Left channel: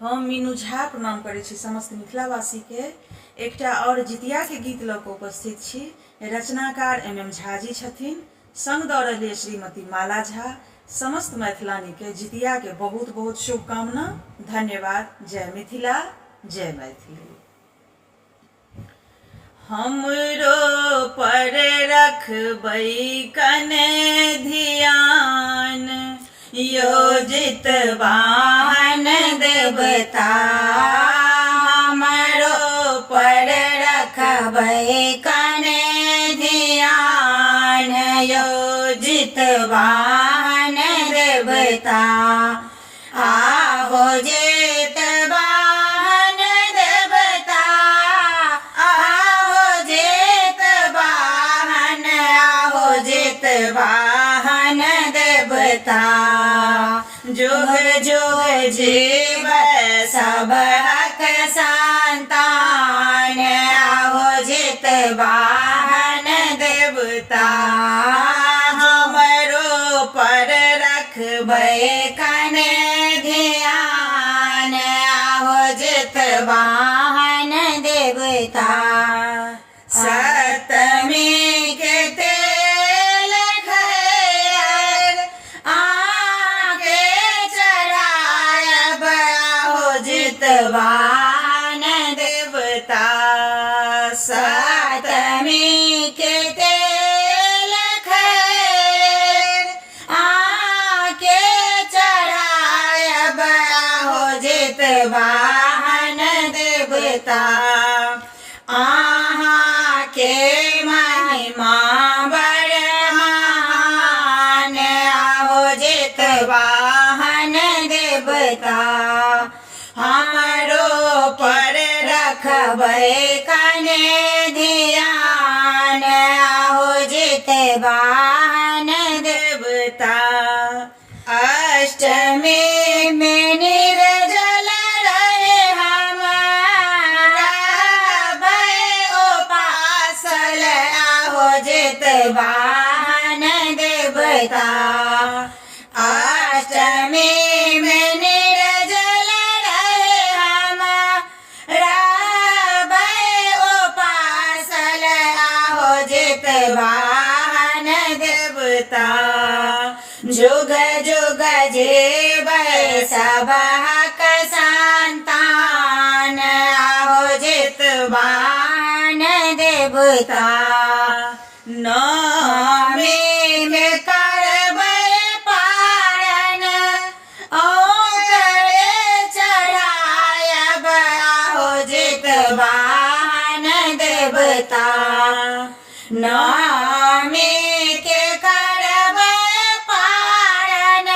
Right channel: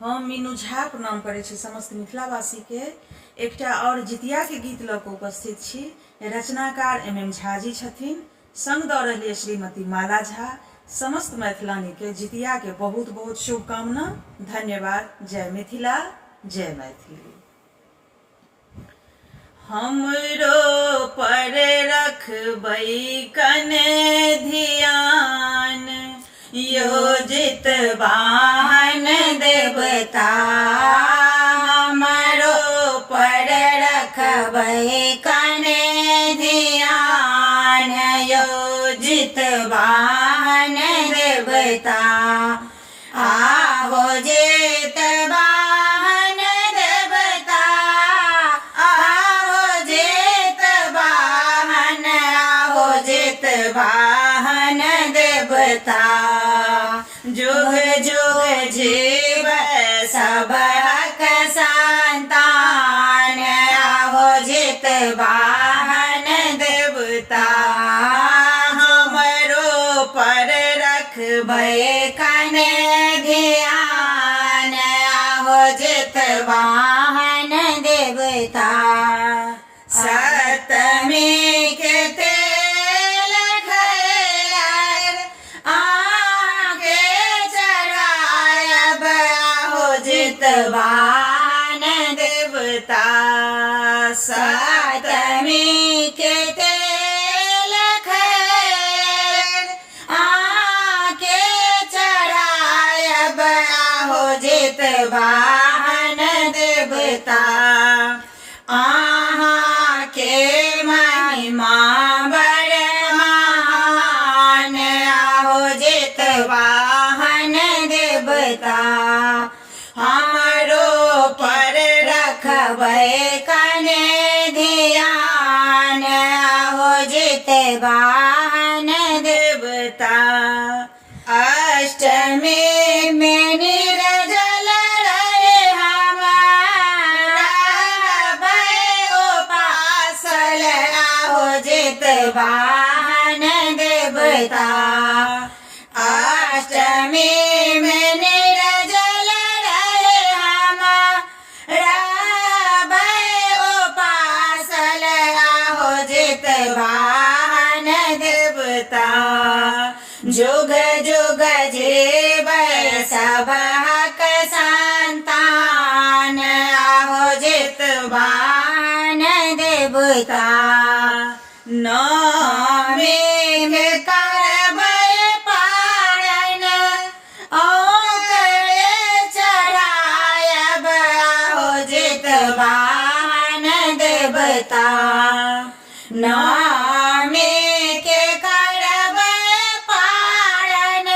हम मीनू झा प्रणाम करै छी समस्त मिथिलावासी के। एकटा और जितिया के गीत लऽ कऽ उपस्थित छी। रचनाकार MM झा जी छथिन, संग दऽ रहलिए श्रीमती माला झा। समस्त मैथिलानी के जितिया के बहुत बहुत शुभकामना। धन्यवाद। जय मिथिला, जय मैथिली। हमरो पर रखबै कने ध्यान, योजित वाहन देवता। हमरो पर रखबै कने ध्यान, योजित वाहन देवता। आहो जित वाहन देवता, आहो जित वाहन, आहो जित वाहन देवता। जुग जुग जीव सब हक संतान, आहो जित वाहन देवता। हमरो पर रखबै कने ध्यान, आहो जित वाहन देवता। सप्तमी के तेल खैर आगे चढ़ायब, आहो जित वाहन देवता। सप्तमी के तेल खैर आगे चढ़ायब, आहो जित वाहन देवता। आहाँ के महिमा बड़ महान, आहो जित वाहन देवता। हमरो पर रखबै कने ध्यान, आहो जित वाहन देवता। अष्टमी में निर्जल रहे हम, रहबै उपासल, आहो जित वाहन देवता। अष्टमी में निर्जल रहे हम, रहबै उपासल, आहो जित वाहन देवता। जुग जुग जीव सब हक संतान, आहो जित वाहन देवता। नवमी में करबै पारण, ओकरे चढ़ायब, आहो जित वाहन देवता। नवमी के करबै पारण,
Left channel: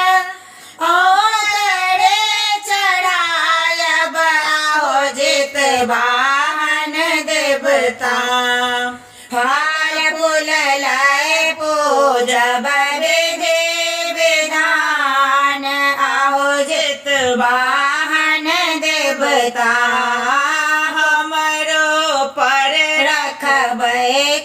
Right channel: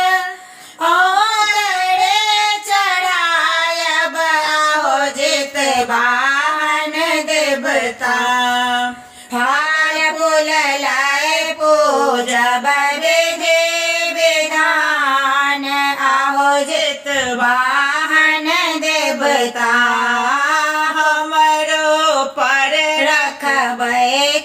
ओकरे चढ़ायब, आहो जित वाहन देवता। फल फूल लै पूजब विधि विधान, आहो जित वाहन देवता। हमरो पर रखबै